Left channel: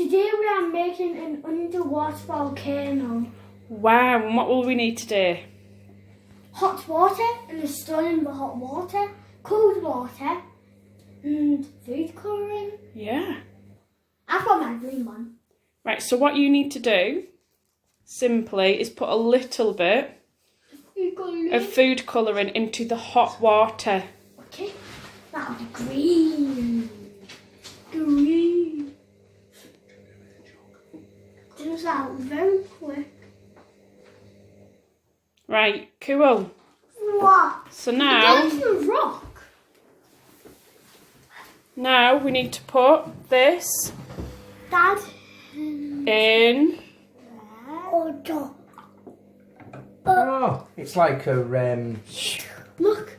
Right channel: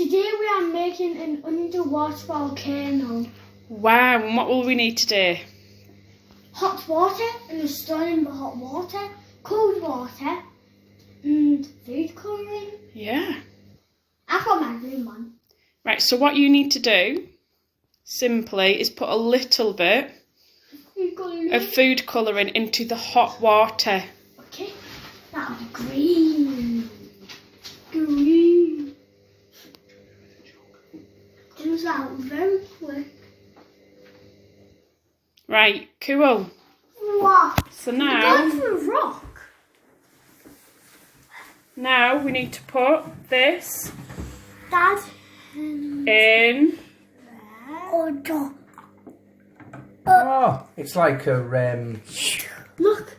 Today we are making an underwater volcano. Wow, and what will we need today? Hot water and a stone for hot water, cold water, and food colouring. Yeah. I've got my green one. Right, so what you need to do, simply, is put a little bit of food colouring into the hot water. Okay, that'll be green. Green. Comes out very quick. Right, cool. What? So Going for a rock. now we need to put this Dad. in. Oh, it's like a Look,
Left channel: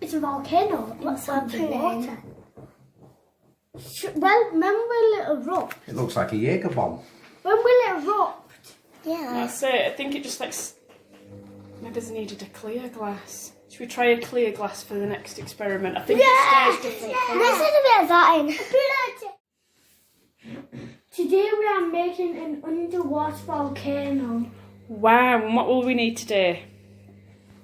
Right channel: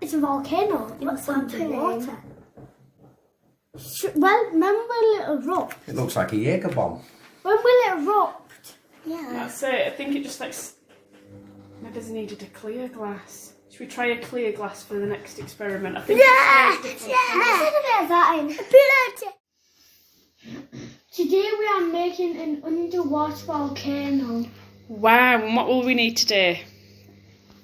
it's a volcano. It's underwater. Well, remember Little Rock? It looks like a Jaeger bomb. When we Little rocked. Yeah. That's it. I think it just like maybe they needed a clear glass. Should we try a clear glass for the next experiment? I think it stays different colours. Let's add a bit of that in. Today we are making an underwater volcano. Wow, and what will we need today?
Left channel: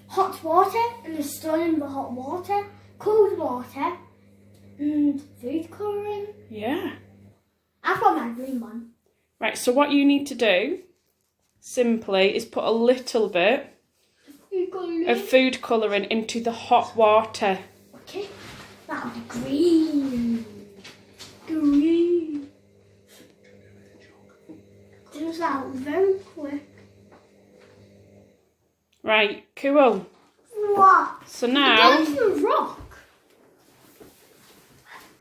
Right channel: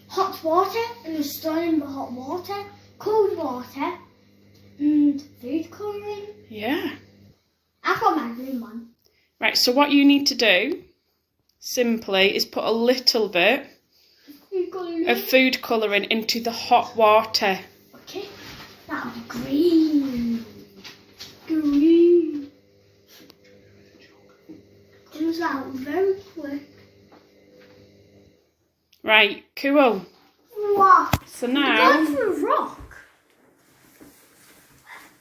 Hot water and a stone for hot water, cold water, and food colouring. Yeah. I've got my green one. Right, so what you need to do, simply, is put a little bit of food colouring into the hot water. Okay, that'll be green. Green. Comes out very quick. Right, cool. What? So now Going for a rock.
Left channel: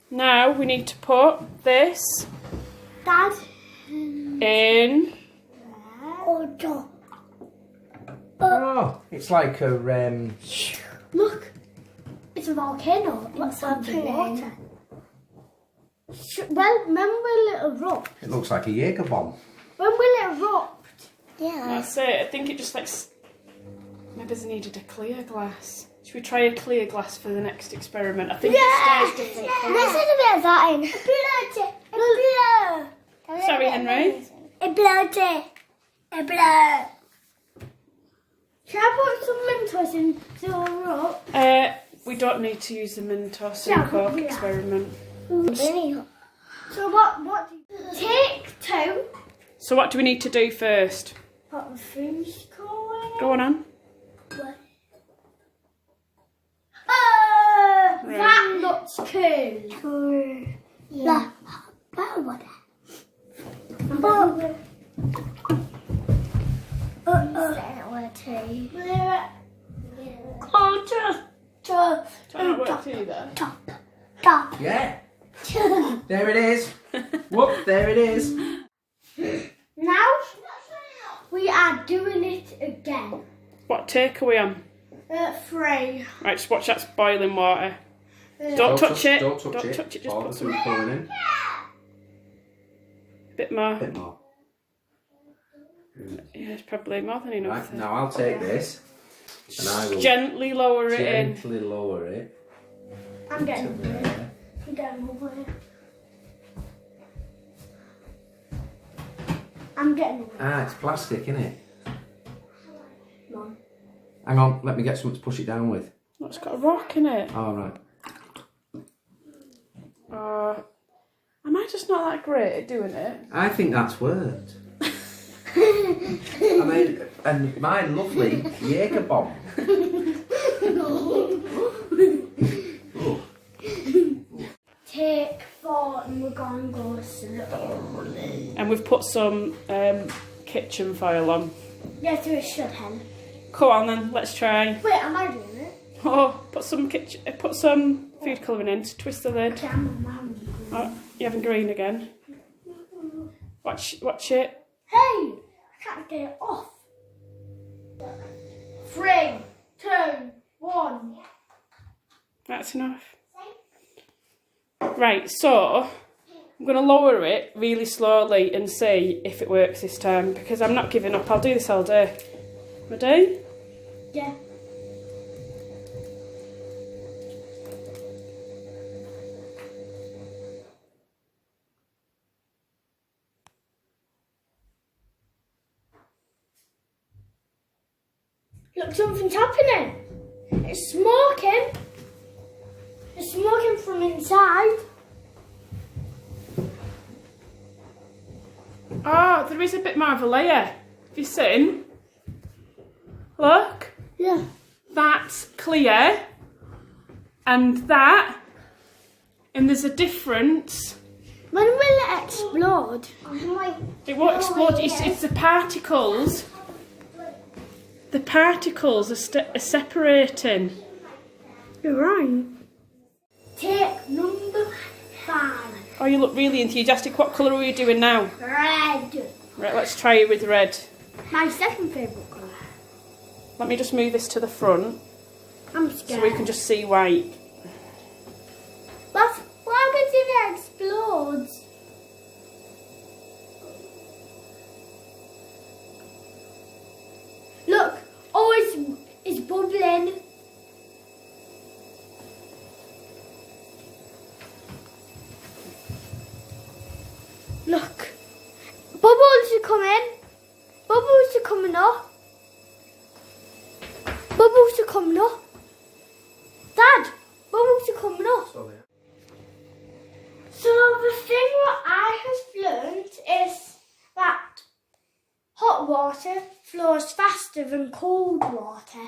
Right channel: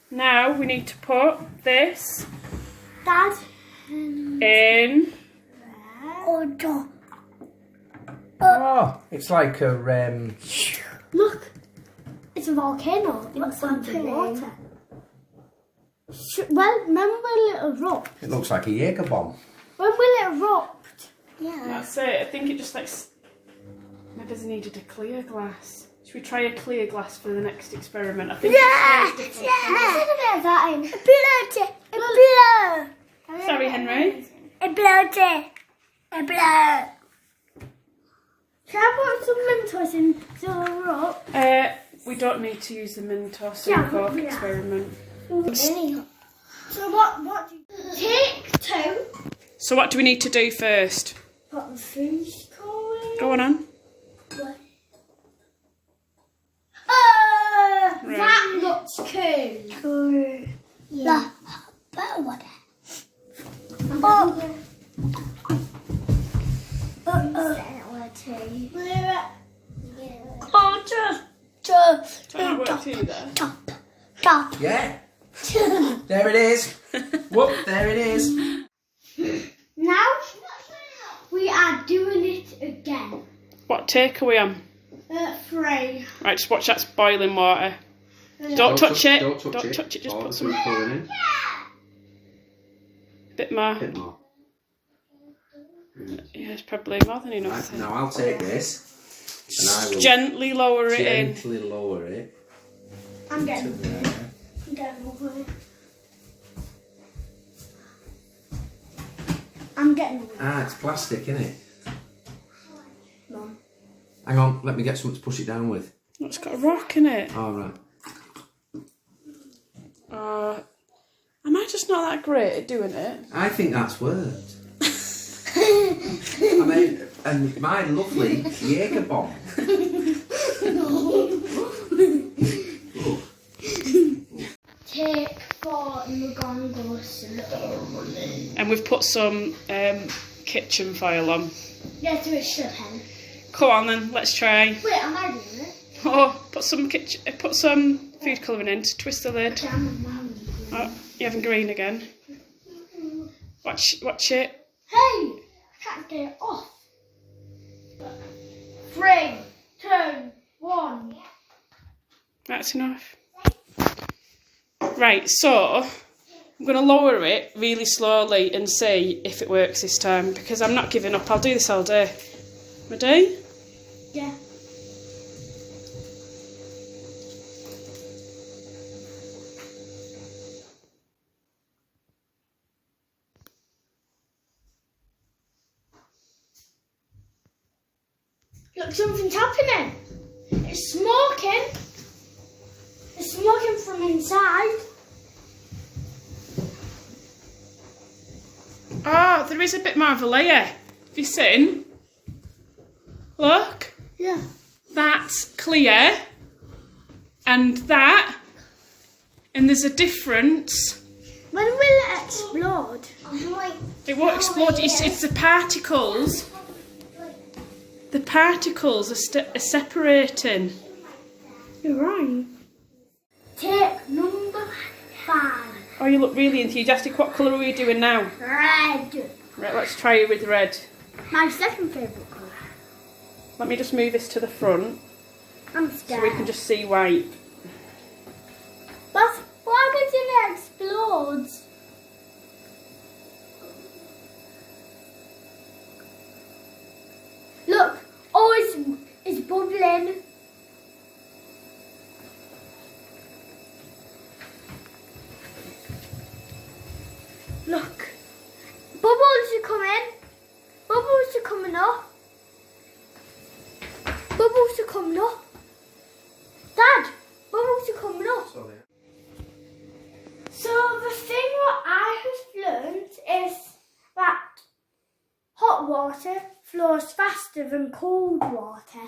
now we need to put this Dad. in. Oh, it's like a Look, it's a volcano. It's underwater. Well, remember Little Rock? It looks like a Jaeger bomb. When we Little rocked. Yeah. That's it. I think it just like maybe they needed a clear glass. Should we try a clear glass for the next experiment? I think it stays different colours. Let's add a bit of that in. Sorry, Henry. A bloody. Can I put some Mentos in the rock? We don't need to use the Mentos Yeah, and Coke yeah. experiment. So what do you take two? So what do we need to do first? Put the food colouring. Go on. Right. That looks cool. Yeah. Better water. Do I not work to you there? Top. Yeah. There it is. Whoop, there it is. Now we are doing it again. What take are we on? 3. Right, just watch that's boiling water. Don't touch it. Don't touch it. Just Pour put the some food colouring in. bit more. A bit more. Yeah, it's probably more than enough. Right, now I'll take this and I will Gently lower it in. gently lower it I'm to getting there. over it. I'm getting over it. Ah, it's plastic, isn't it? No. Hang on, let me get something to push it down with. Oh, it's got a rock in it. All right. Am I just not that great at doing it? I think that's worked. I mean, and my lovely Jaeger bomb. Oh. Take 4 and we're going to go slowly. And we've put some kitchen foil on. Let's do a shut hen. Come on then, let's try. Wait, am I doing it? Oh, put some food colouring in to twist the lid. Okay, I'm Oh, you're having green again. Watch it. Hey! I can't get it off. 3, 2, 1. That's enough. Right, so I'm going to lower it really slowly and see if it works this time because I'm not giving up. I'll do this all day. Ready? Yeah. Look, something's happening. It's smoking. It's smoking from inside. Oh, there is a bit more of a layer. Have you seen? Look. Yeah. That's clear. And that. And there's a difference. When will it explode? It won't explode. It's the particles. The particles are separating. You're right. Take number 5. Oh, you look really enthusiastic. What colour are we doing now? Red. Right, let's try it with red. My second favourite colour. Let me just move this to the front I'm scared. so we can just see white. But why does it explode? Look, oh, it's bubbling. Look, bubbles are coming. Bubbles are coming up. Bubbles are coming up. Dad, bubbles are coming up. So the thing what I have learned is that hot water flows faster than cold water.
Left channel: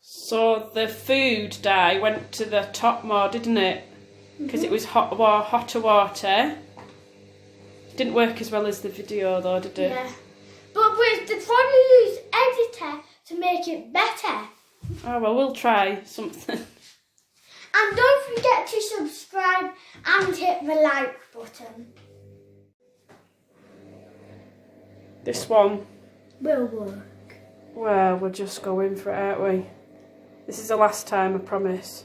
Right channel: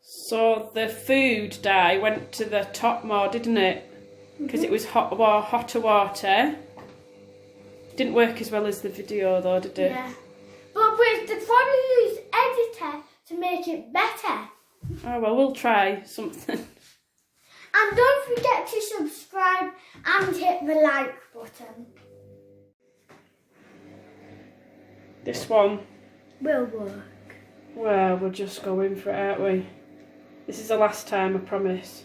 So the food dye went to the top more, didn't it? Because it was hotter water. Didn't work as well as the video though, did it? Yeah. But they'd probably use editor to make it better. Oh well, we'll try something. And don't forget to subscribe and hit the like button. This one, Will work. well, we're just going for it, aren't we? This is the last time, I promise.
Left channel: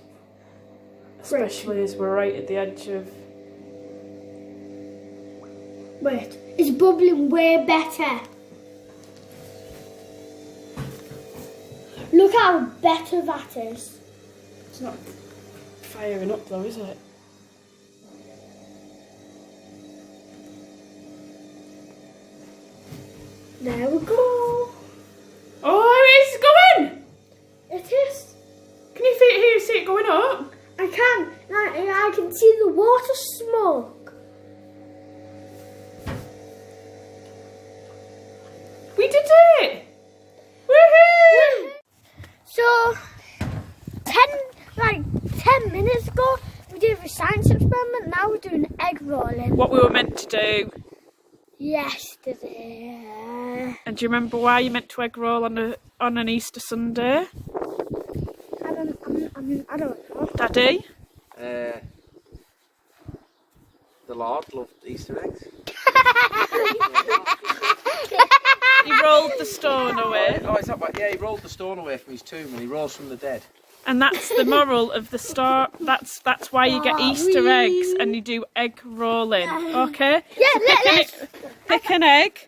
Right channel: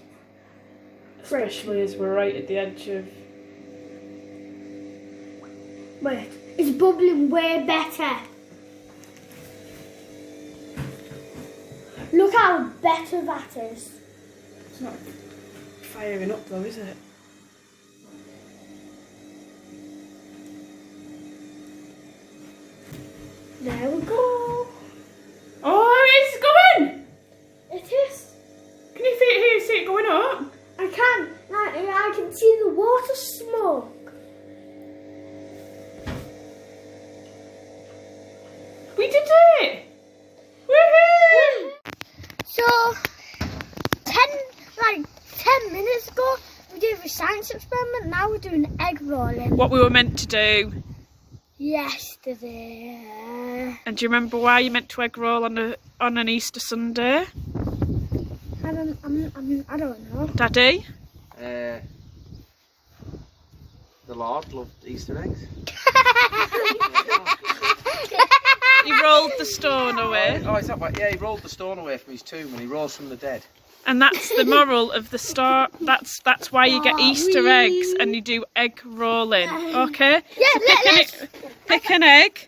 Especially as we're right at the edge of... Wait, it's bubbling way better. Look how better that is. It's not firing up though, is it? There we go. Oh, it's going! It is. Can you see it going up? I can. I can see the water smoke. We did it! Woohoo! So, 10 minutes ago, we did a science experiment. Now we're doing egg rolling. What we were meant to do. Yesterday. And do you remember why you meant to egg roll on an Easter Sunday? I don't know. Daddy? The Lord loved Easter eggs. He rolled the stone away. Oh, is that right? Yeah, he rolled the stone away from his tomb and he rose from the dead. And that's the moral of the story. That's why you get Easter eggs and you do egg rolling. Okay? Yeah, let's pick an egg.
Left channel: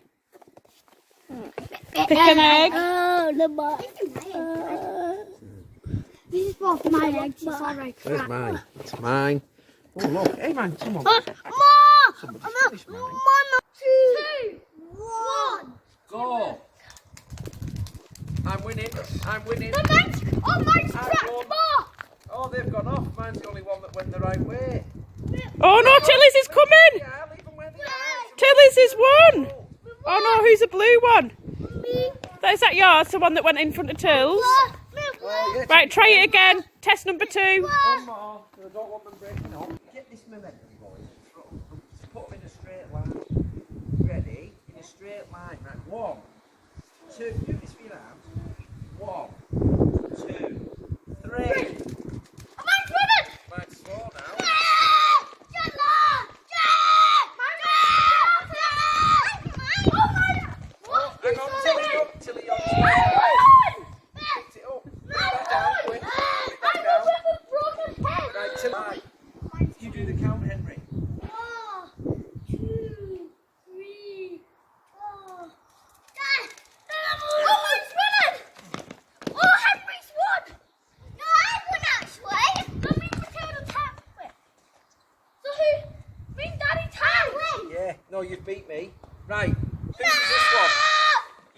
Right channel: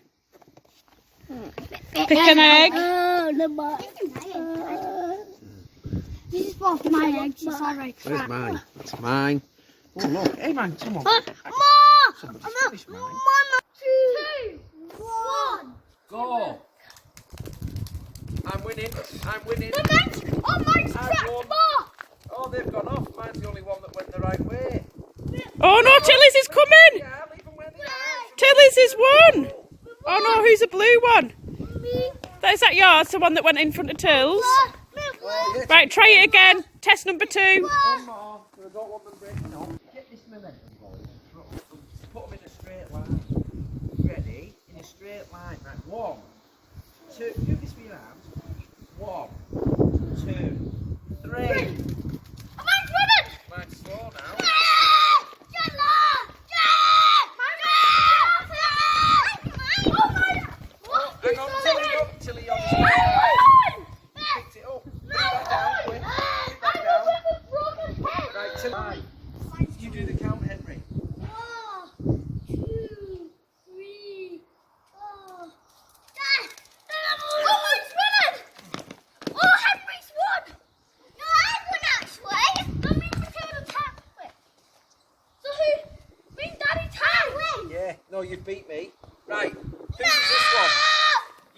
Pick an egg. This is both my eggs. It's alright. Where's mine? That's mine. Oh, look. Hey, man, come on. Somebody finish mine. 2, 1. Go. I'm winning. I'm winning. Mine's cracked more. Oh, they've gone off. Mine's the only one that went the right way. Oh no, Tilly's is coming! Yeah, leave them where they are. Tilly's is one! Oh no, who's a blue one? Me. Is that yours, the one that went in front of Tills? Oh, yeah, Right, try it again. Test number 2. one more. I don't want them breaking off. Get this momentum going. Put them in a straight line. Ready? In a straight line. Right, 1, 2. Do this with your arms. 1, 2, 3. Mine's winning. Mine's 4 now. Oh, hang on, Tilly, you're picked it up. Put that down, quick. Put that down. Right, Tilly. You do the count, Henry. 1, 2, 3, 4. Oh, mine's winning! Oh, Henry's won! No, I won actually. I'm in the total time. Wait. So who? Me and Daddy tied. Yeah, no, you've beat me. Right, whose is this one?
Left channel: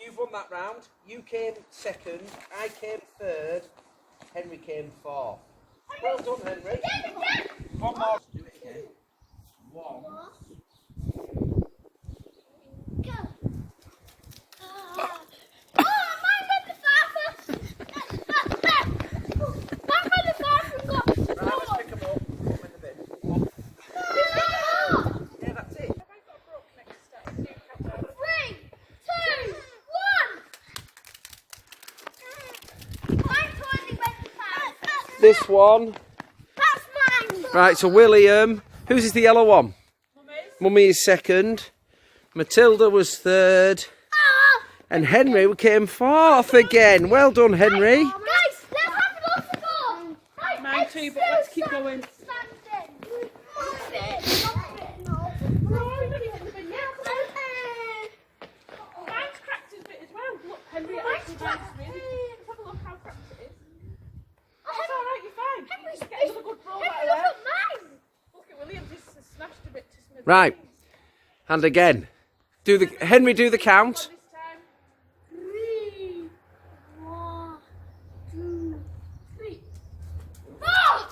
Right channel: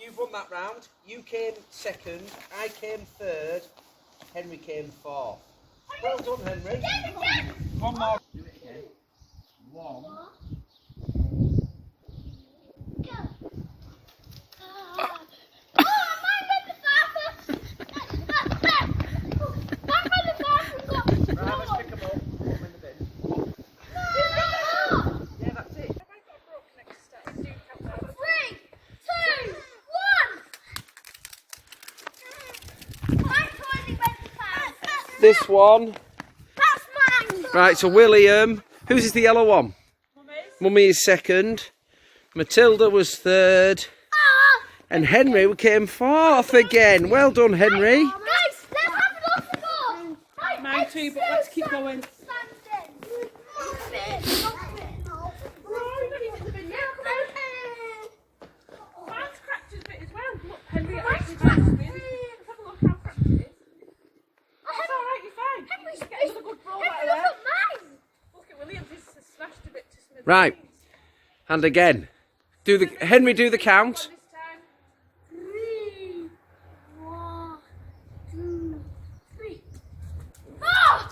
You've won that round. You came second, I came third, Henry came fourth. Well done, Henry. One more. Do it again. 1. This one. That's mine. Right, so William, whose is the yellow one? Mummy is second. Matilda was third. And Henry came fourth again. Well done, Henry. Guys, let's have another ball. Mine too, but let's keep going. Mine's cracked a bit as well. Look, Henry, actually, that's really. Let's have a look how cracked it is. It's alright, you're fine. Get another good ball out of there. Look at Williams, he's smashed a bit to smithereens. Right, and again. Henry, do the count. This time. 3, 1, 2, 3. Oh!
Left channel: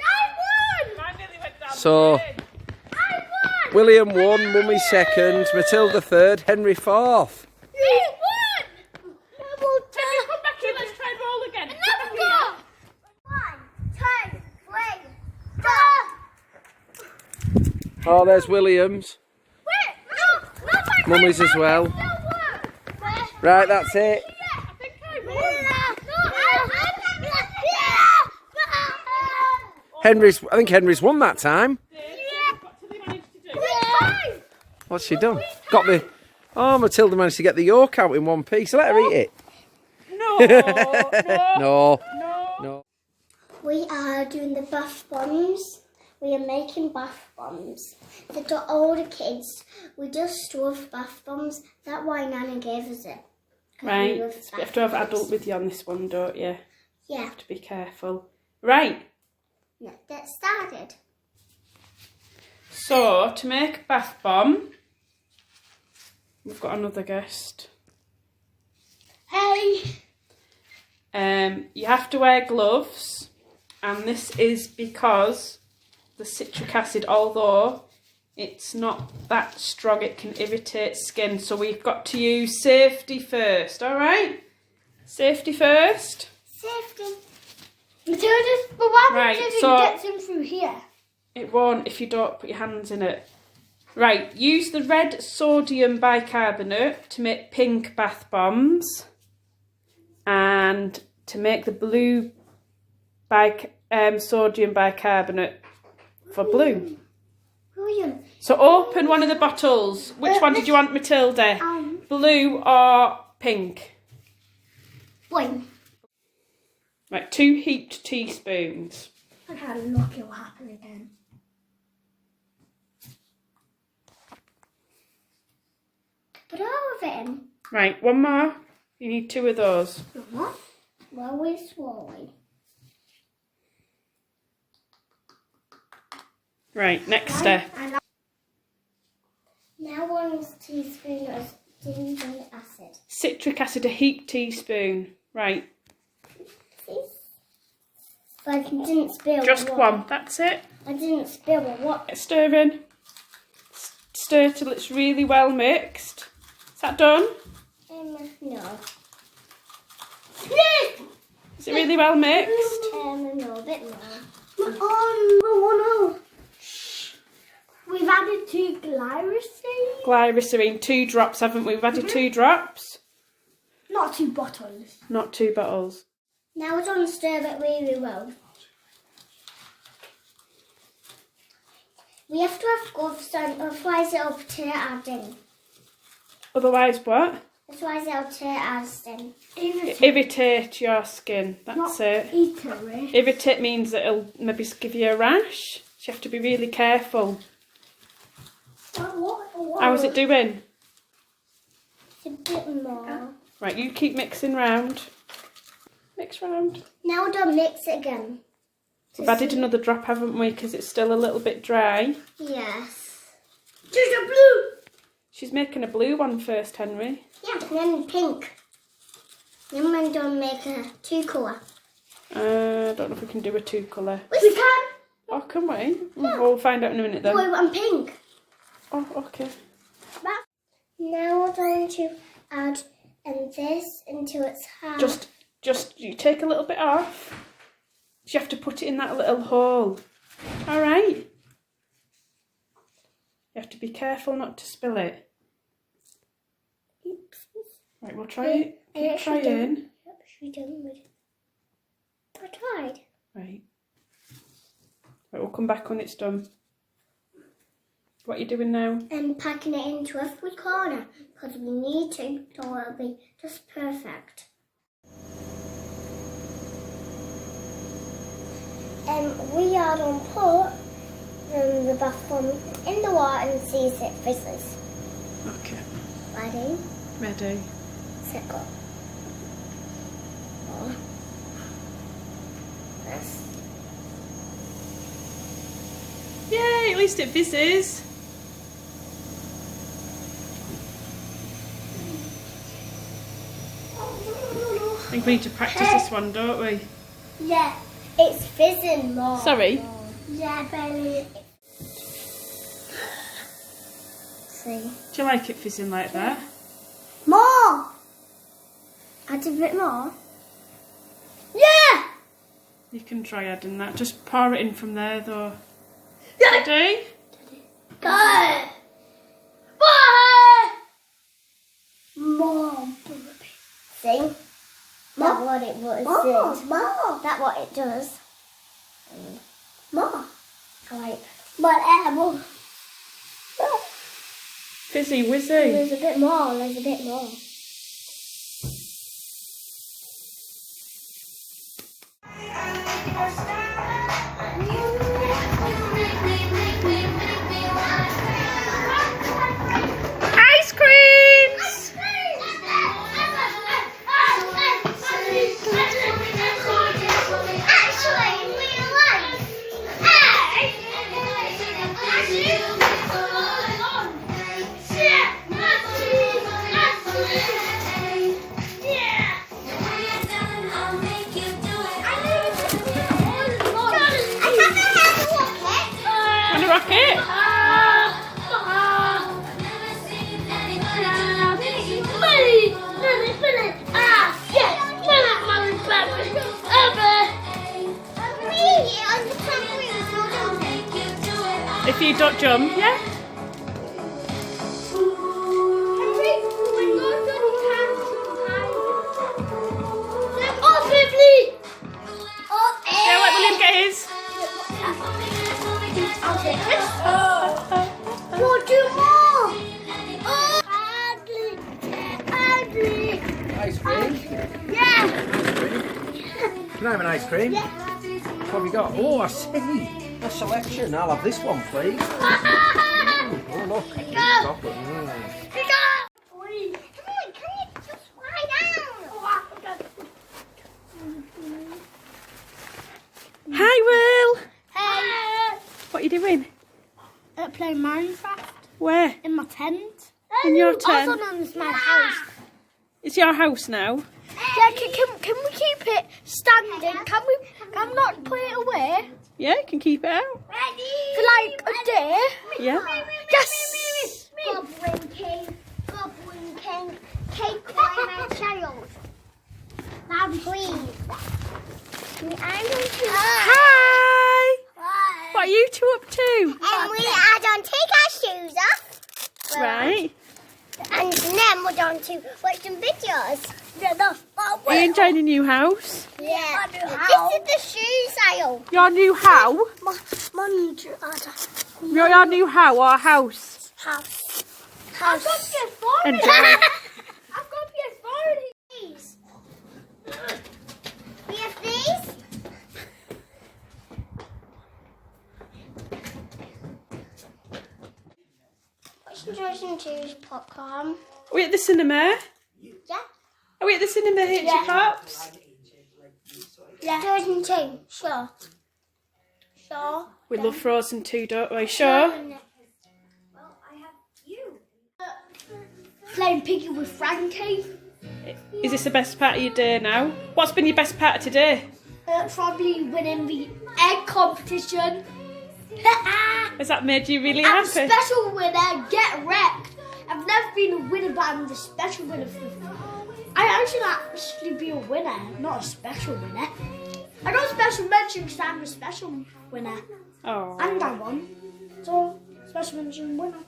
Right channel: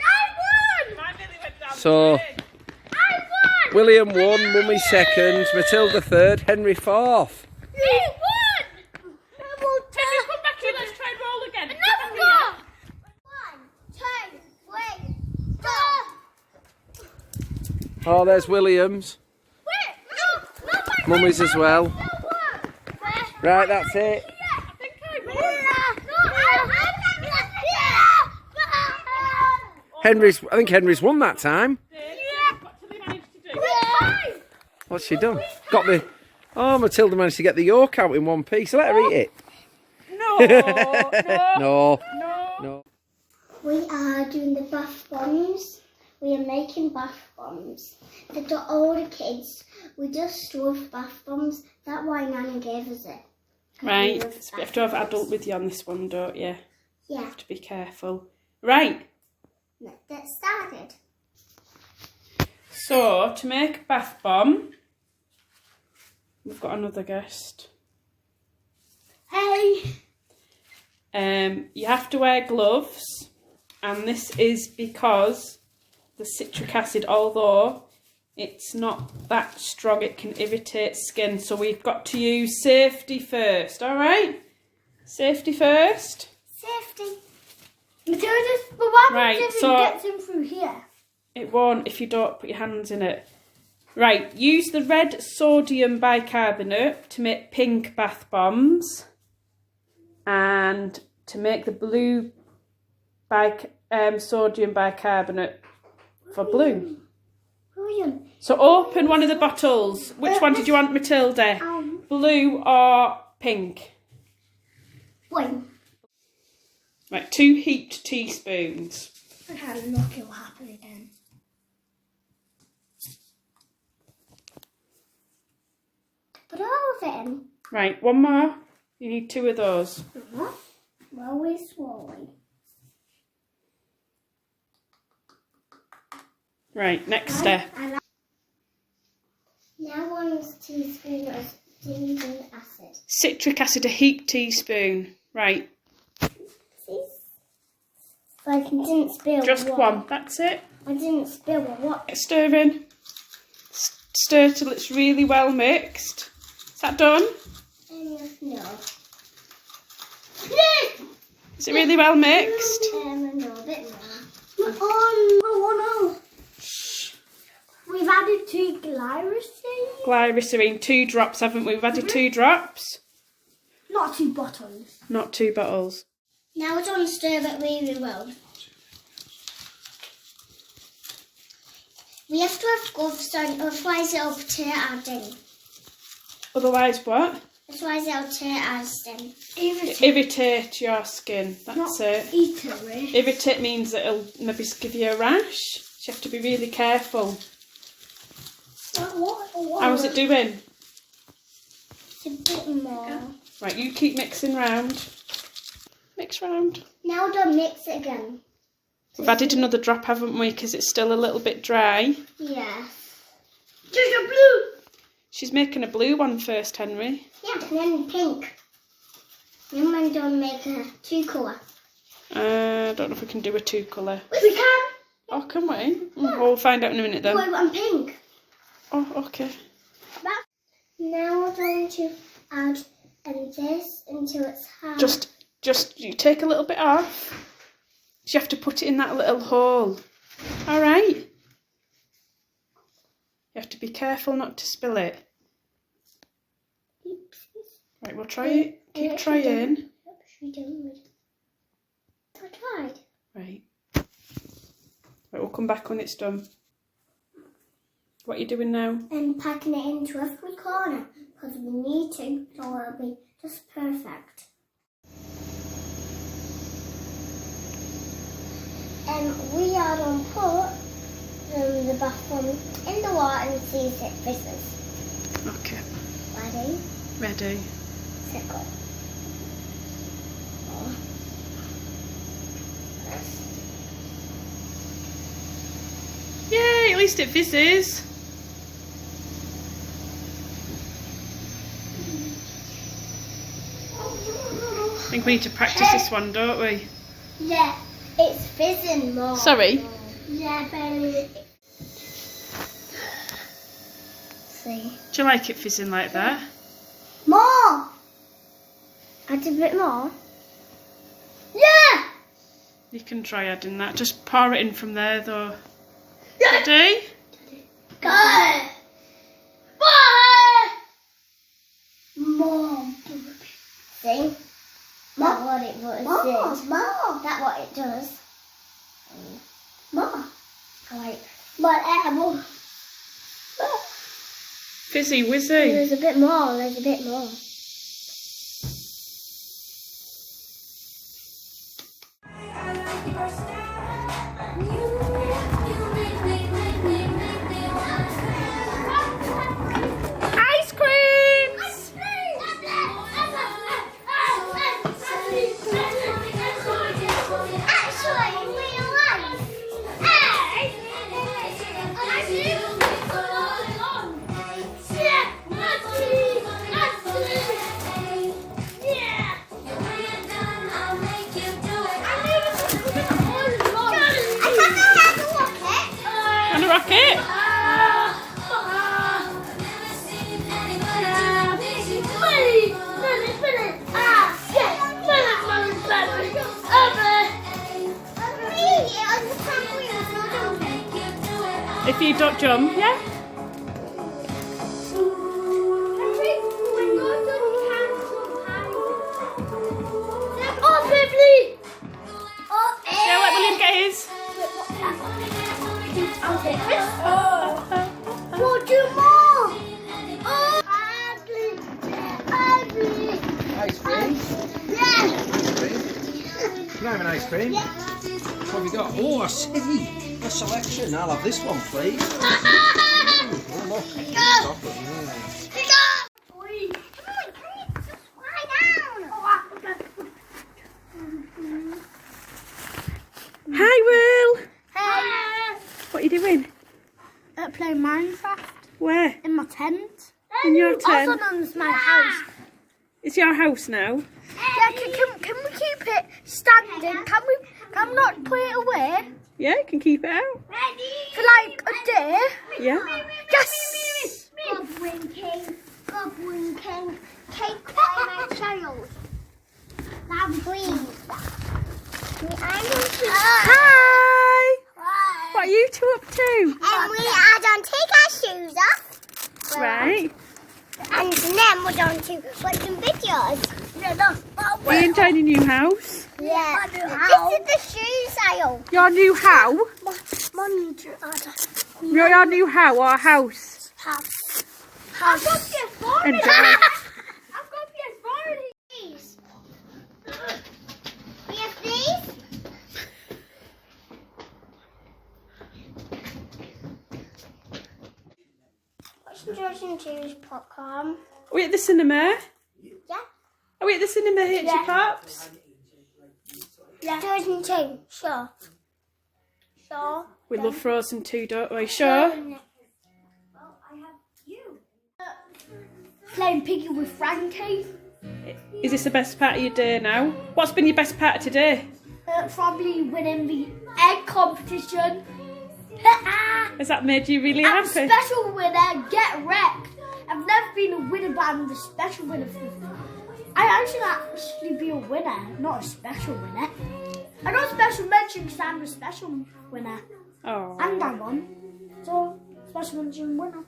I won! Mine really went down. So, I won! William won, Mummy second, Matilda third, Henry fourth. We won! Double tap! Come back here, let's try and roll again. Another go! 1, 2, 3, 4. Oh, there's William's. Wait, no, Mummy's as well. Right, that's it. I think Henry's won that time. What's she done? Got the... Oh, Matilda managed to get the yolk out in one piece. Let her eat it. No. No. We are doing the bath bombs. We are making bath bombs. The older kids, we just love bath bombs. That's why Nana gave us it. Right, We love so you have to have bath bombs. adult with you on this one, don't you? Yeah, Have to be careful. Right, let's get started. so to make a bath bomb, we've got another guest. Hey! You have to wear gloves, and this is because the citric acid, although it's not that strong, it can irritate skin. So we've got to use safety first, all right? Safety first. Safety. Matilda, but why Right, Matilda so- gets in through here? It won't if you don't put your hands in it. Right, use the red sodium bicarbonate to make pink bath bombs, and to make the blue sodium bicarbonate for blue. William. So open one of the bottles. Which one did you want, Matilda? Blue or pink? Boing. Right, 2 heaped teaspoons. I can't look, it'll happen again. Put all of it in. Right, one more. You need 2 of those. Slowly, slowly. Right, next step. Now 1 teaspoon of citric acid. Citric acid, a heaped teaspoon. Right, But I didn't spill just what? one. That's it. I didn't spill what? Get stirring. Stir till it's really well mixed. Is that done? No. Is it really well mixed? No, a bit more. Oh, no. We've added 2 glycerine. Glycerine, 2 drops, haven't we? We've added 2 drops. Not 2 bottles. Not 2 bottles. Now we're going to stir it really well. We have to have gloves on, otherwise it'll tear our thing. Otherwise what? Otherwise it'll tear our skin. Irritate your skin. That's it. Irritate means that it'll maybe give you a rash. So you have to be really careful. How's it doing? It's a bit more. Right, you keep mixing round. Mix round. Now we're going to mix it again. We've added another drop, haven't we? Because it's still a little bit dry. Yes. Just a blue. She's making a blue one first, Henry. Yeah, and then pink. Then we're going to make a 2-colour. I don't know if we can do a 2-colour. We can. Oh, can we? We'll find out in a minute then. Blue and pink. Oh, okay. Now we're going to add this until it's hard. Just you take a little bit off. You have to put it in that little hole. All right. You have to be careful not to spill it. Oopsies. Right, we'll try it. Keep trying. Yep, she done with it. I tried. Right. Right, we'll come back when it's done. What are you doing now? Packing it into every corner because we need to, so it'll be just perfect. We are going to put the bath bomb in the water and see if it fizzes. Okay. Ready? Ready. Set, go. Press. Yay, at least it fizzes. I think we need to practice this one, don't we? Yeah, it's fizzing more. Sorry? Yeah, barely. See? Do you like it fizzing like that? More! Add a bit more. Yeah! You can try adding that. Just pour it in from there though. Ready? Go! More. See? That's what it was. More. That's what it does. More. I like more. Fizzy wizzy. There's a bit more. There's a bit more. Ice creams! Want a rocket? If you don't jump, yeah? Yeah, let William get his. I'll take this. We'll do more. Ice cream? Yeah. Ice cream? Can I have an ice cream? Yeah. What have you got? Oh, I see. A selection. I'll have this one, please. Oh, look. Chocolate. Hi, Will. Hey. What are you doing? Playing Minecraft Where? in my tent. In your tent? Also known as my house. It's your house now. Yeah, can we keep it standing? Can we not put it away Yeah, you can keep it out. for like a day? Yeah. Yes. Goblin King, take away my child. Now please. Hi. What are you two up to? And we are going to take our shoes off. Right. And then we're going to watch some videos. Are you enjoying your new house? Yeah. This is the shoe sale. Your new how? Your new how or house? House. Enjoy. These. We have these. Watching Joe's popcorn. Are we at the cinema? Yeah. Are we at the cinema, Hitchy Yeah. Pops? Yeah. Frozen 2. Sure. Sure. We love Frozen too, don't we? Sure. Well, I have you. playing Piggy with Frankie. Is this the best part of your day now? What's been your best part of today? Probably winning the egg competition. Has that made you really I'm a happy? special winner, get wrecked. I've never been a winner, but I'm the special winner. I should actually be a winner, not a special winner. I got a special mention because I'm a special winner. Oh. And I won. So, special mention winner.